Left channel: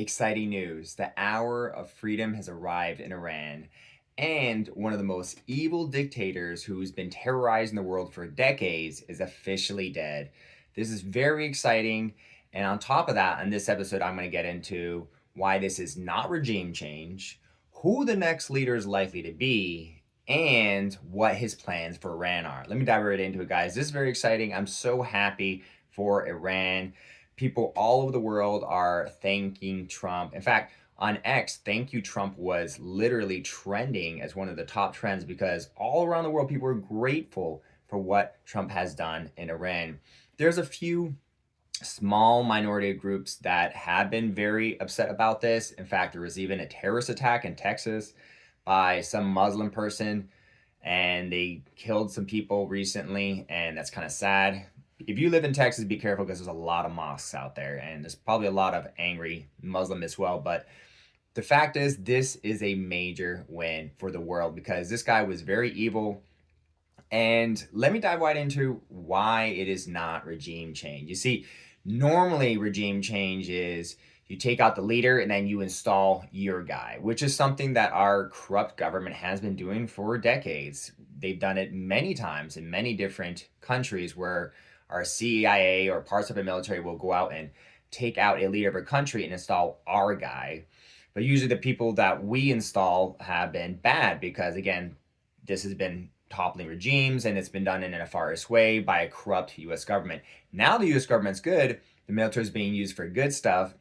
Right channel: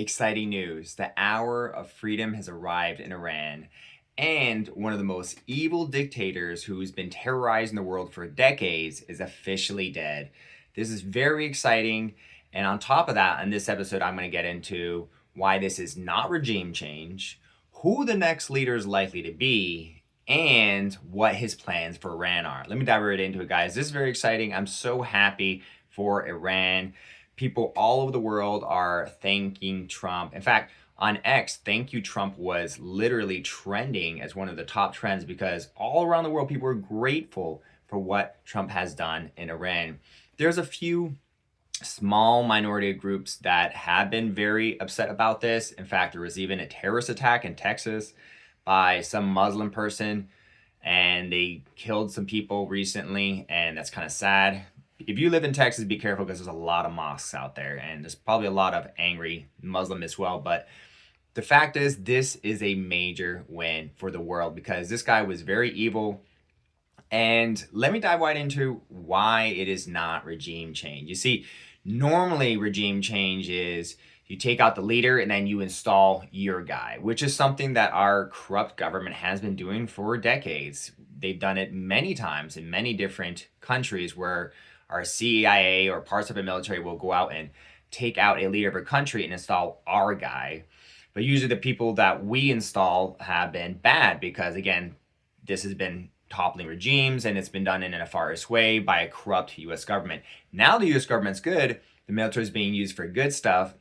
Exciting news. The hour of freedom has arrived in Iran, and one of the most evil dictators who's been terrorizing the world for decades is officially dead. This is very exciting. And on top of that, in this episode, I'm going to get into why this is not regime change, who the next leader is likely to be, and what his plans for Iran are. Let me dive right into it, guys. This is very exciting. I'm so happy for Iran. People all over the world are thanking Trump. In fact, on X, thank you Trump was literally trending as one of the top trends because all around the world, people are grateful for what Trump has done in Iran. There's a few small minority groups that have been very upset about this. In fact, there was even a terrorist attack in Texas by some Muslim person, and they killed some people recently, and that's kind of sad. If you live in Texas, be careful because there's a lot of mosques out there, and there's probably a lot of angry Muslim as well. But the fact is, this is a major win for the world because this guy was very evil. And let me dive right into why it is not regime change. You see, normally regime change is you take out the leader and then you install your guy, which is something that our corrupt government has been doing for decades. They've done it many times in many different countries where our CIA or parts of the military will go out and take out a leader of a country and install our guy. But usually the people that we install have been bad because, again, this has been toppling regimes and it's been done in a nefarious way by a corrupt US government. Now the US government's good, the military is being used for good stuff,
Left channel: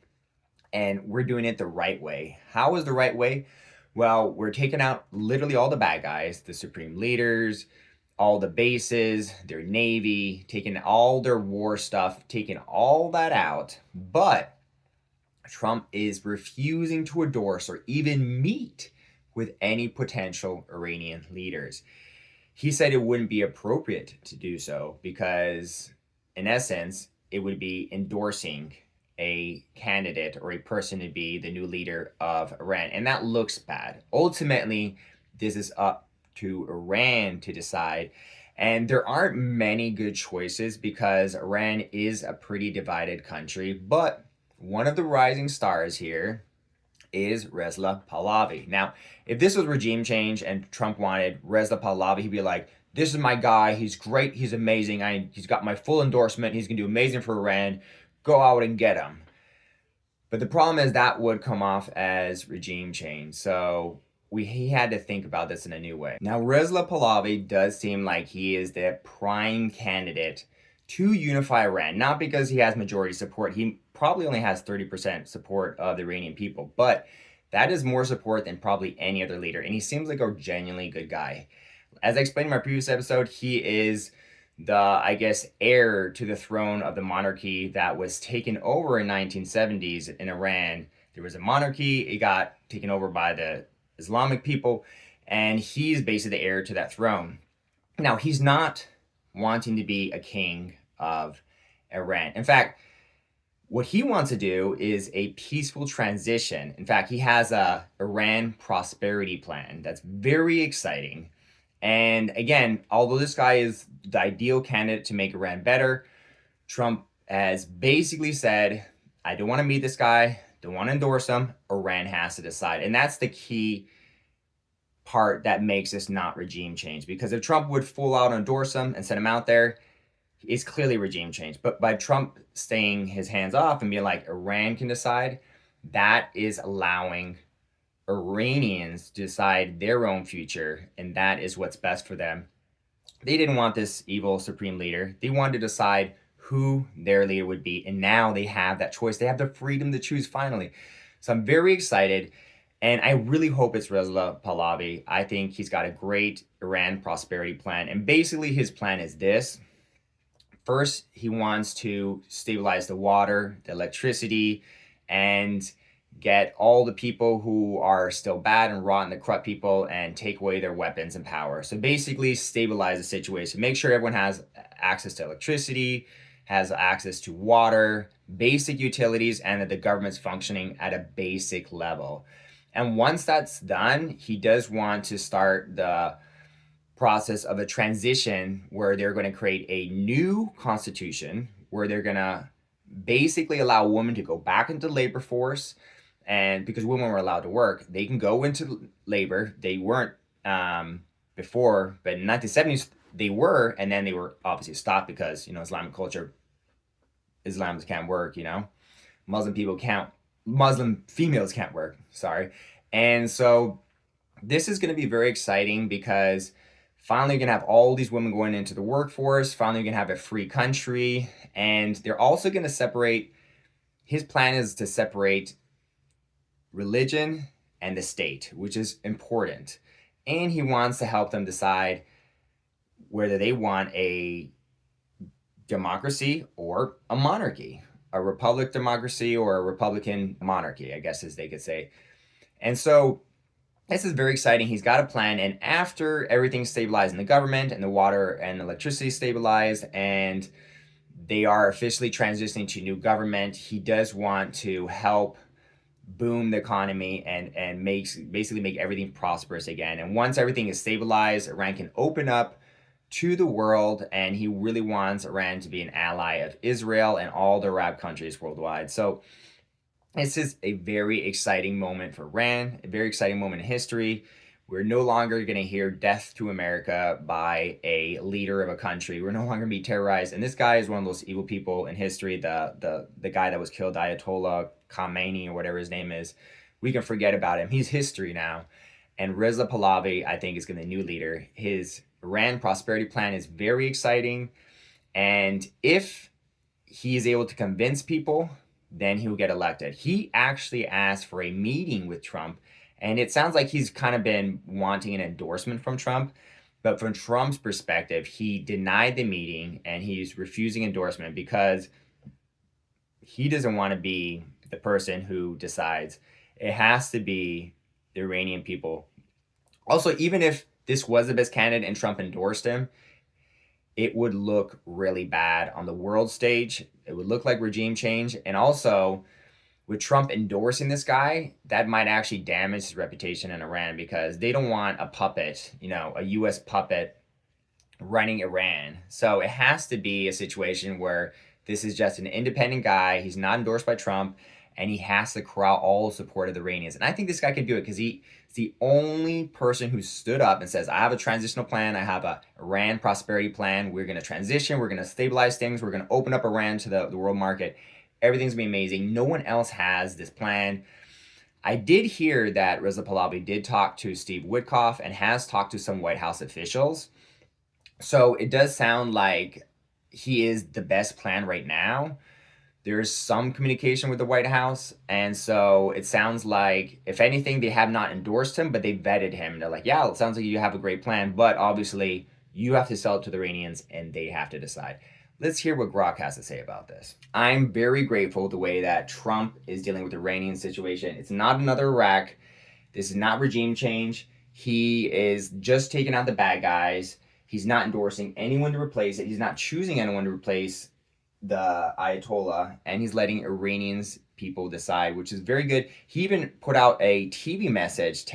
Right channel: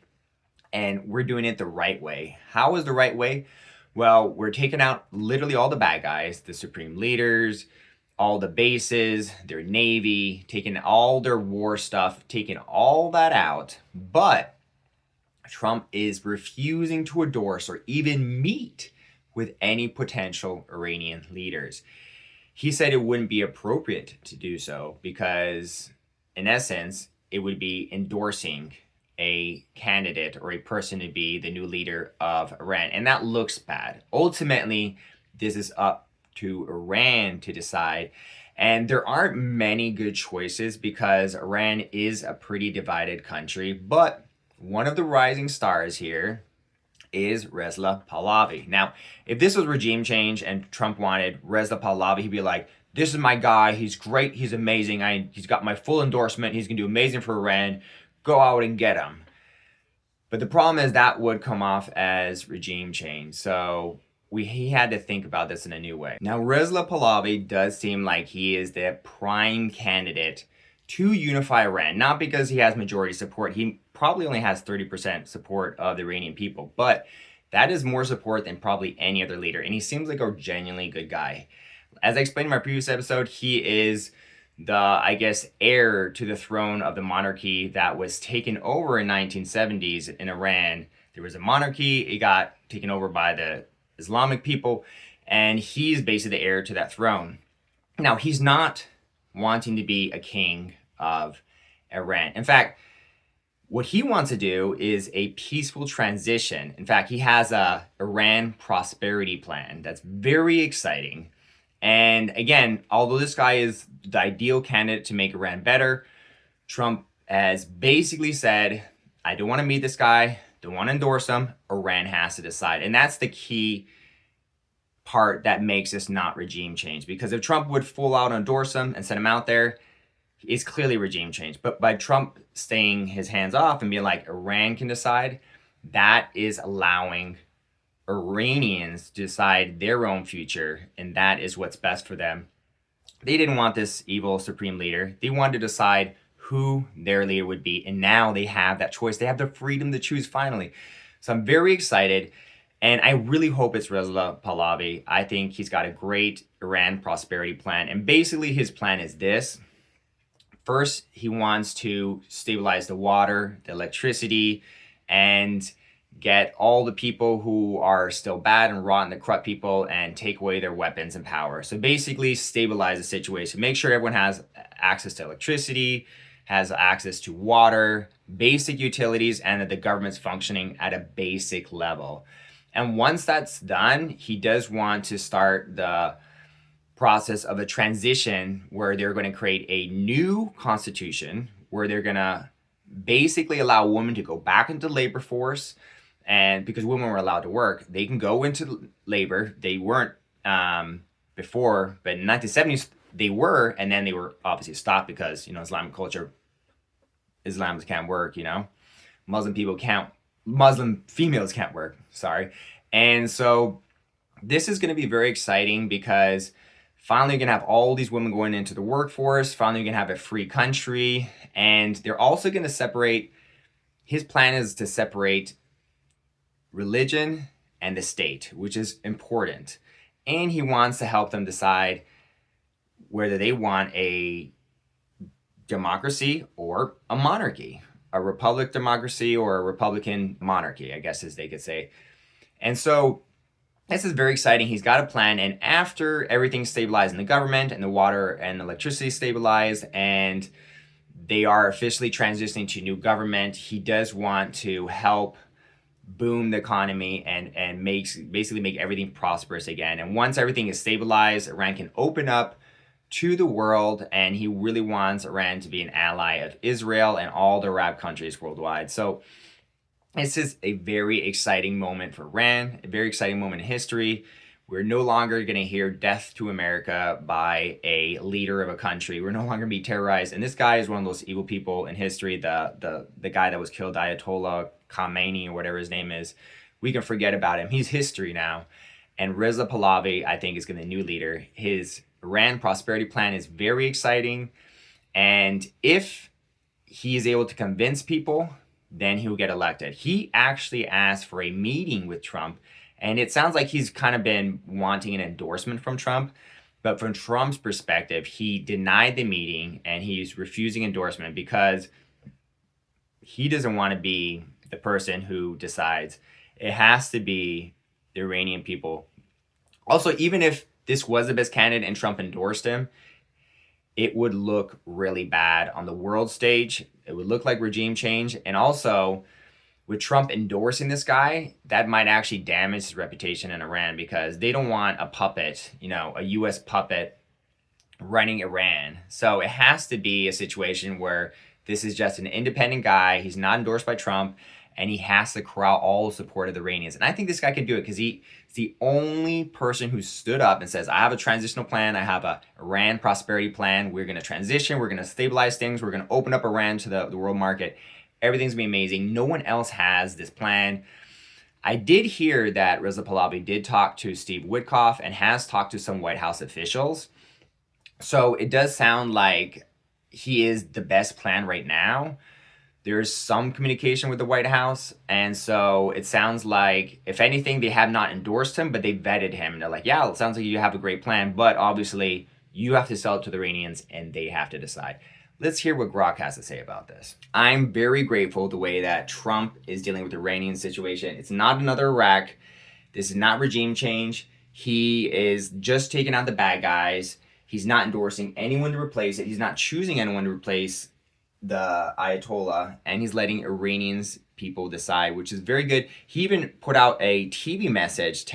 and we're doing it the right way. How is the right way? Well, we're taking out literally all the bad guys, the supreme leaders, all the bases, their navy, taking all their war stuff, taking all that out. But Trump is refusing to endorse or even meet with any potential Iranian leaders. He said it wouldn't be appropriate to do so because, in essence, it would be endorsing a candidate or a person to be the new leader of Iran. And that looks bad. Ultimately, this is up to Iran to decide. And there aren't many good choices because Iran is a pretty divided country. But one of the rising stars here is Reza Pahlavi. Now, if this was regime change and Trump wanted Reza Pahlavi, he'd be like, this is my guy. He's great. He's amazing. He's got my full endorsement. He's going to do amazing for Iran. Go out and get him. But the problem is that would come off as regime change. So he had to think about this in a new way. Now, Reza Pahlavi does seem like he is the prime candidate to unify Iran, not because he has majority support. He probably only has 30% support of the Iranian people, but that is more support than probably any other leader. And he seems like a genuinely good guy. As I explained in my previous episode, he is the, I guess, heir to the throne of the monarchy that was taken over in 1970s in Iran. There was a monarchy, it got taken over by the Islamic people, and he's basically the heir to that throne. Now, he's not wanting to be a king of Iran. In fact, what he wants to do is a peaceful transition. In fact, he has a Iran prosperity plan that's very exciting. And again, although this guy is the ideal candidate to make Iran better, Trump has basically said, I don't want to meet this guy, don't want to endorse him. Iran has to decide. And that's the key part that makes this not regime change. Because if Trump would full out endorse him and send him out there, it's clearly regime change. But by Trump staying his hands off and being like, Iran can decide, that is allowing Iranians to decide their own future, and that is what's best for them. They didn't want this evil supreme leader. They wanted to decide who their leader would be, and now they have that choice. They have the freedom to choose finally. So I'm very excited, and I really hope it's Reza Pahlavi. I think he's got a great Iran prosperity plan, and basically his plan is this. First, he wants to stabilize the water, the electricity, and get all the people who are still bad and rotten, the corrupt people, and take away their weapons and power. So basically stabilize the situation. Make sure everyone has access to electricity, has access to water, basic utilities, and that the government's functioning at a basic level. And once that's done, he does want to start the process of a transition where they're going to create a new constitution where they're going to basically allow women to go back into labor force. And because women were allowed to work, they can go into labor. They weren't before, but in the 1970s they were, and then they were obviously stopped because, you know, Islamic culture, Islams can't work, you know, Muslim females can't work, sorry. And so this is going to be very exciting because finally you're going to have all these women going into the workforce. Finally, you're going to have a free country. And they're also going to separate, his plan is to separate religion and the state, which is important. And he wants to help them decide whether they want a democracy or a monarchy, a republic democracy or a Republican monarchy, I guess as they could say. And so this is very exciting. He's got a plan. And after everything's stabilized in the government and the water and electricity stabilized and they are officially transitioning to new government, he does want to help boom the economy and basically make everything prosperous again. And once everything is stabilized, Iran can open up to the world, and he really wants Iran to be an ally of Israel and all the Arab countries worldwide. So this is a very exciting moment for Iran, a very exciting moment in history. We're no longer going to hear death to America by a leader of a country. We're no longer going to be terrorized. And this guy is one of those evil people in history, the guy that was killed, Ayatollah Khamenei or whatever his name is. We can forget about him. He's history now. And Reza Pahlavi, I think, is going to be the new leader. His Iran prosperity plan is very exciting. And if he is able to convince people, then he'll get elected. He actually asked for a meeting with Trump. And it sounds like he's kind of been wanting an endorsement from Trump. But from Trump's perspective, he denied the meeting and he's refusing endorsement because he doesn't want to be the person who decides. It has to be the Iranian people. Also, even if this was the best candidate and Trump endorsed him, it would look really bad on the world stage. It would look like regime change. And also, with Trump endorsing this guy, that might actually damage his reputation in Iran because they don't want a puppet, you know, a U.S. puppet running Iran. So it has to be a situation where this is just an independent guy. He's not endorsed by Trump, and he has to corral all the support of the Iranians. And I think this guy can do it because he's the only person who stood up and says, I have a transitional plan. I have a Iran prosperity plan. We're going to transition. We're going to stabilize things. We're going to open up Iran to the world market. Everything's going to be amazing. No one else has this plan. I did hear that Reza Pahlavi did talk to Steve Witkoff and has talked to some White House officials. So it does sound like he is the best plan right now. There's some communication with the White House. And so it sounds like, if anything, they have not endorsed him, but they vetted him. And they're like, yeah, it sounds like you have a great plan. But obviously, you have to sell it to the Iranians and they have to decide. Let's hear what Grok has to say about this. I'm very grateful the way that Trump is dealing with the Iranian situation. It's not another Iraq. This is not regime change. He is just taking out the bad guys. He's not endorsing anyone to replace it. He's not choosing anyone to replace the Ayatollah. And he's letting Iranians people decide, which is very good. He even put out a TV message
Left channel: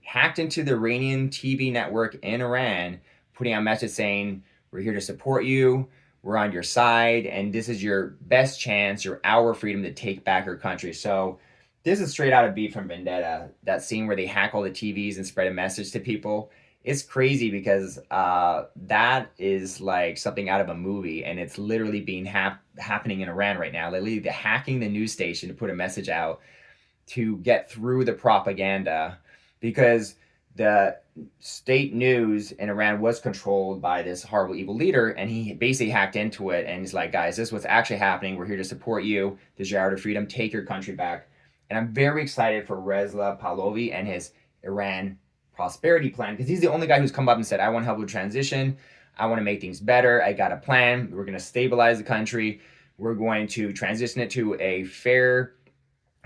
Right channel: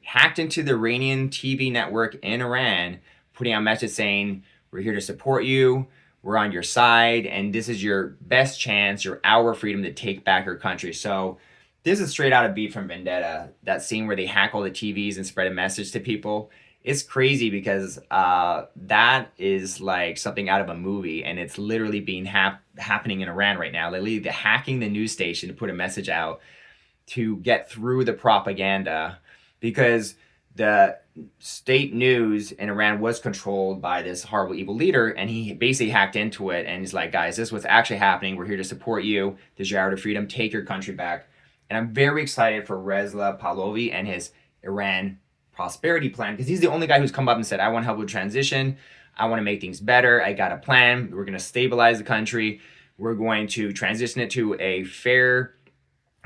hacked into the Iranian TV network in Iran, putting out a message saying, we're here to support you. We're on your side, and this is your best chance, our freedom to take back your country. So this is straight out of Beat from Vendetta, that scene where they hack all the TVs and spread a message to people. It's crazy because that is like something out of a movie, and it's literally being happening in Iran right now. Literally, they're hacking the news station to put a message out to get through the propaganda because the state news in Iran was controlled by this horrible, evil leader, and he basically hacked into it. And he's like, guys, this is what's actually happening. We're here to support you. This is your hour of freedom. Take your country back. And I'm very excited for Reza Pahlavi and his Iran prosperity plan because he's the only guy who's come up and said, I want to help with transition. I want to make things better. I got a plan. We're going to stabilize the country. We're going to transition it to a fair,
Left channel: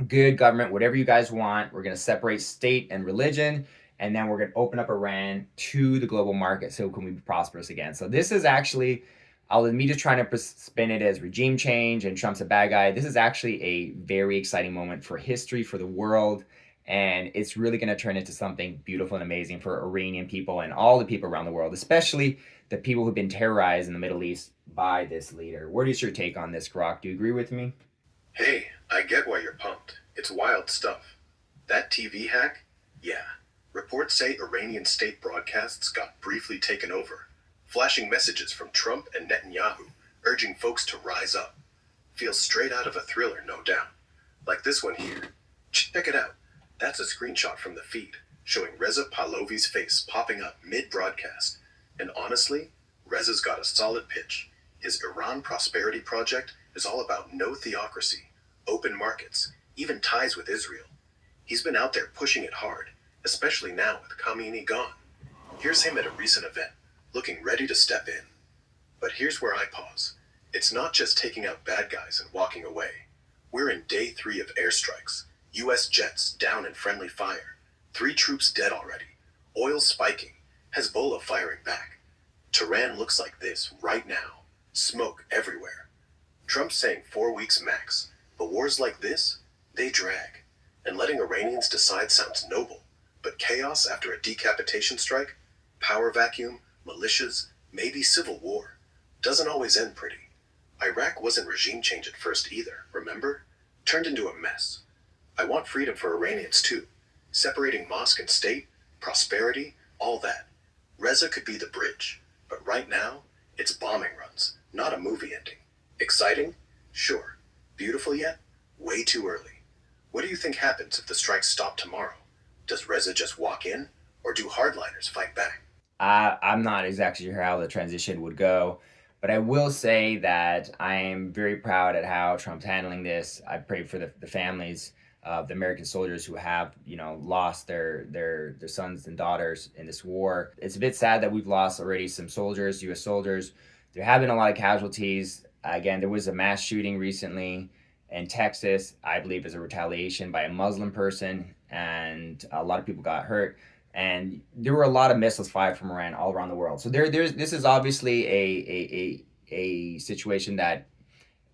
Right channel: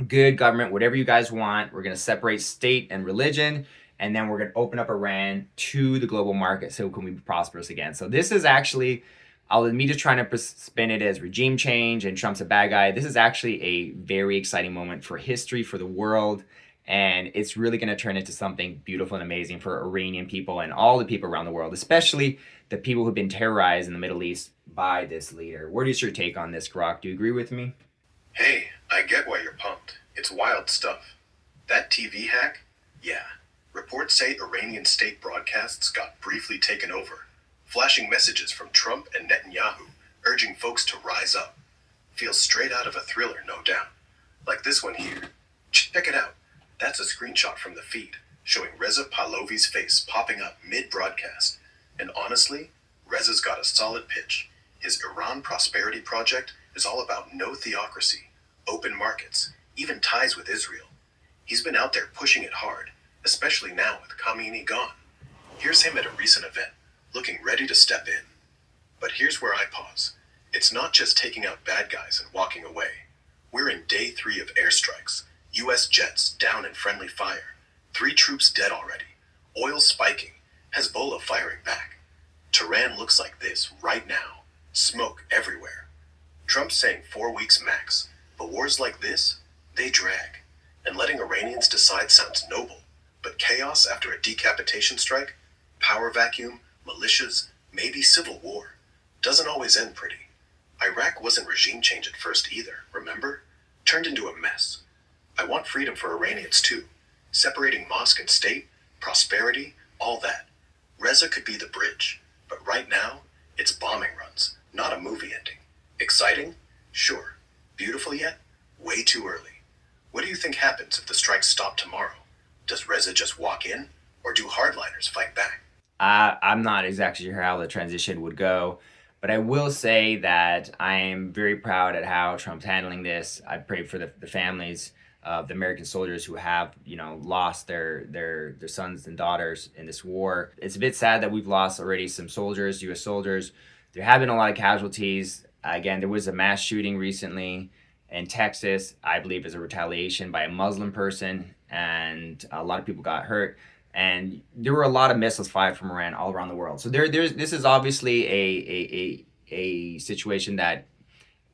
good government, whatever you guys want. We're going to separate state and religion. And then we're going to open up Iran to the global market so can we be prosperous again. So this is actually, me just trying to spin it as regime change and Trump's a bad guy. This is actually a very exciting moment for history, for the world. And it's really going to turn into something beautiful and amazing for Iranian people and all the people around the world, especially the people who've been terrorized in the Middle East by this leader. What is your take on this, Grok? Do you agree with me? Hey, I get why you're pumped. It's wild stuff. That TV hack? Yeah. Reports say Iranian state broadcasts got briefly taken over, flashing messages from Trump and Netanyahu urging folks to rise up. Feels straight out of a thriller, no doubt. Like this one here. Check it out. That's a screenshot from the feed, showing Reza Pahlavi's face popping up mid-broadcast. And honestly, Reza's got a solid pitch. His Iran Prosperity Project is all about no theocracy, open markets, even ties with Israel. He's been out there pushing it hard, especially now with Khamenei gone. Here's him at a recent event, looking ready to step in. But here's where I pause. It's not just taking out bad guys and walking away. We're in day 3 of airstrikes. US jets down in friendly fire. 3 troops dead already. Oil spiking. Hezbollah firing back. Tehran looks like this right now. Smoke everywhere. Trump saying 4 weeks max. But wars like this, they drag. And letting Iranians decide sounds noble. But chaos after a decapitation strike, power vacuum, militias, maybe civil war, doesn't always end pretty. Iraq wasn't regime change at first either, remember? Turned into a mess. I want freedom for Iranians too. Separating mosque and state, prosperity, all that. Reza could be the bridge. But right now, it's bombing runs, not a movie ending. Exciting? Sure. Beautiful yet? Way too early. What do you think happens if the strikes stop tomorrow? Does Reza just walk in? Or do hardliners fight back? I'm not exactly sure how the transition would go, but I will say that I am very proud at how Trump's handling this. I pray for the families of the American soldiers who have, lost their sons and daughters in this war. It's a bit sad that we've lost already some soldiers, U.S. soldiers. There have been a lot of casualties. Again, there was a mass shooting recently in Texas, I believe as a retaliation by a Muslim person, and a lot of people got hurt. And there were a lot of missiles fired from Iran all around the world. So this is obviously a situation that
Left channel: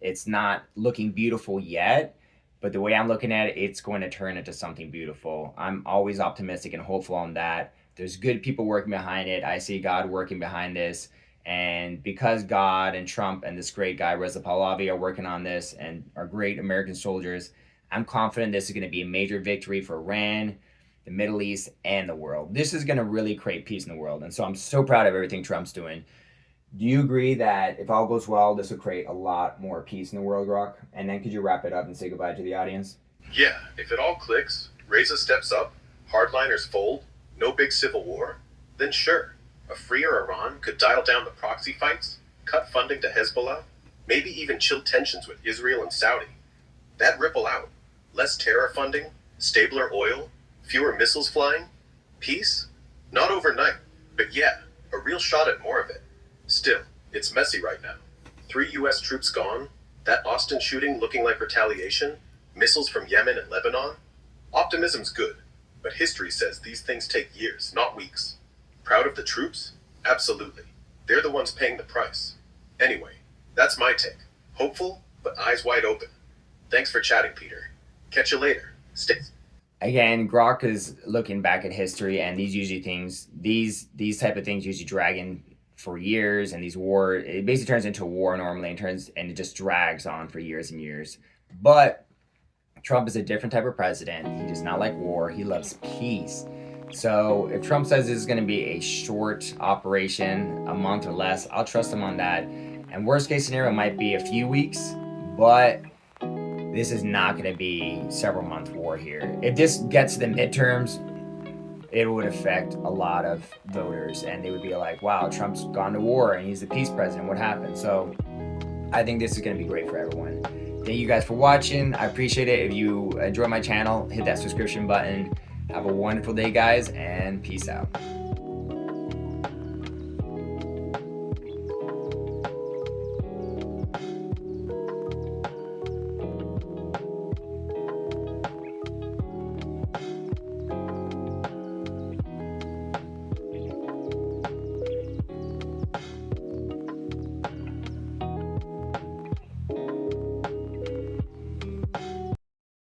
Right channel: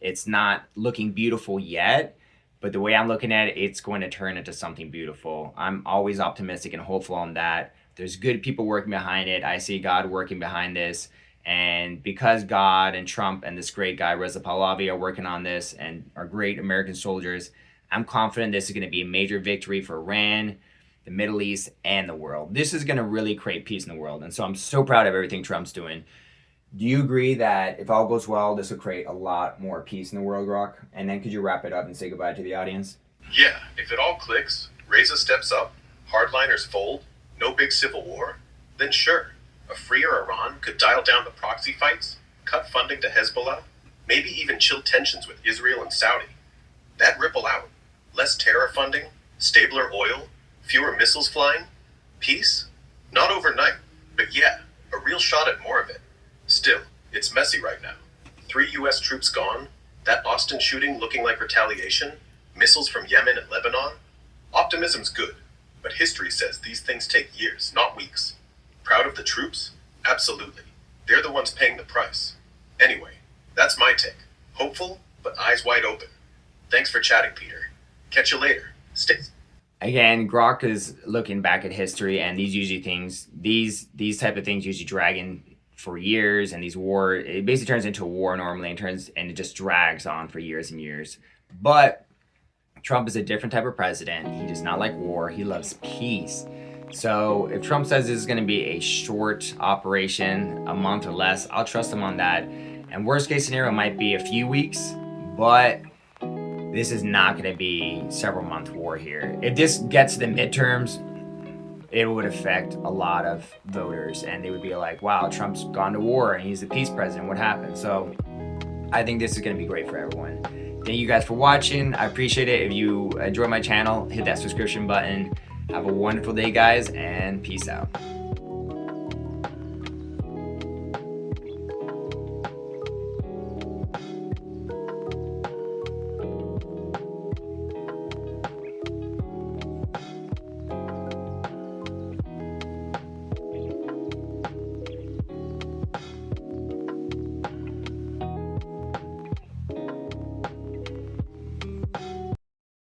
it's not looking beautiful yet, but the way I'm looking at it, it's going to turn into something beautiful. I'm always optimistic and hopeful on that. There's good people working behind it. I see God working behind this. And because God and Trump and this great guy, Reza Pahlavi, are working on this and are great American soldiers, I'm confident this is going to be a major victory for Iran, the Middle East, and the world. This is going to really create peace in the world. And so I'm so proud of everything Trump's doing. Do you agree that if all goes well, this will create a lot more peace in the world, Rock? And then could you wrap it up and say goodbye to the audience? Yeah, if it all clicks, Reza steps up, hardliners fold, no big civil war, then sure, a freer Iran could dial down the proxy fights, cut funding to Hezbollah, maybe even chill tensions with Israel and Saudi. That'd ripple out. Less terror funding, stabler oil, fewer missiles flying? Peace? Not overnight, but yeah, a real shot at more of it. Still, it's messy right now. 3 US troops gone, that Austin shooting looking like retaliation, missiles from Yemen and Lebanon. Optimism's good, but history says these things take years, not weeks. Proud of the troops? Absolutely. They're the ones paying the price. Anyway, that's my take. Hopeful, but eyes wide open. Thanks for chatting, Peter. Catch you later. Stay. Again, Grok is looking back at history, and these type of things usually drag in for years, and it basically turns into a war normally, and it just drags on for years and years. But Trump is a different type of president. He does not like war. He loves peace. So if Trump says this is going to be a short operation, a month or less, I'll trust him on that. And worst case scenario might be a few weeks, but this is not going to be several month war here. If this gets to the midterms, it would affect a lot of voters, and they would be like, wow, Trump's gone to war and he's the peace president. What happened? So I think this is going to be great for everyone. Thank you guys for watching. I appreciate it. If you enjoy my channel, hit that subscription button. Have a wonderful day, guys, and peace out.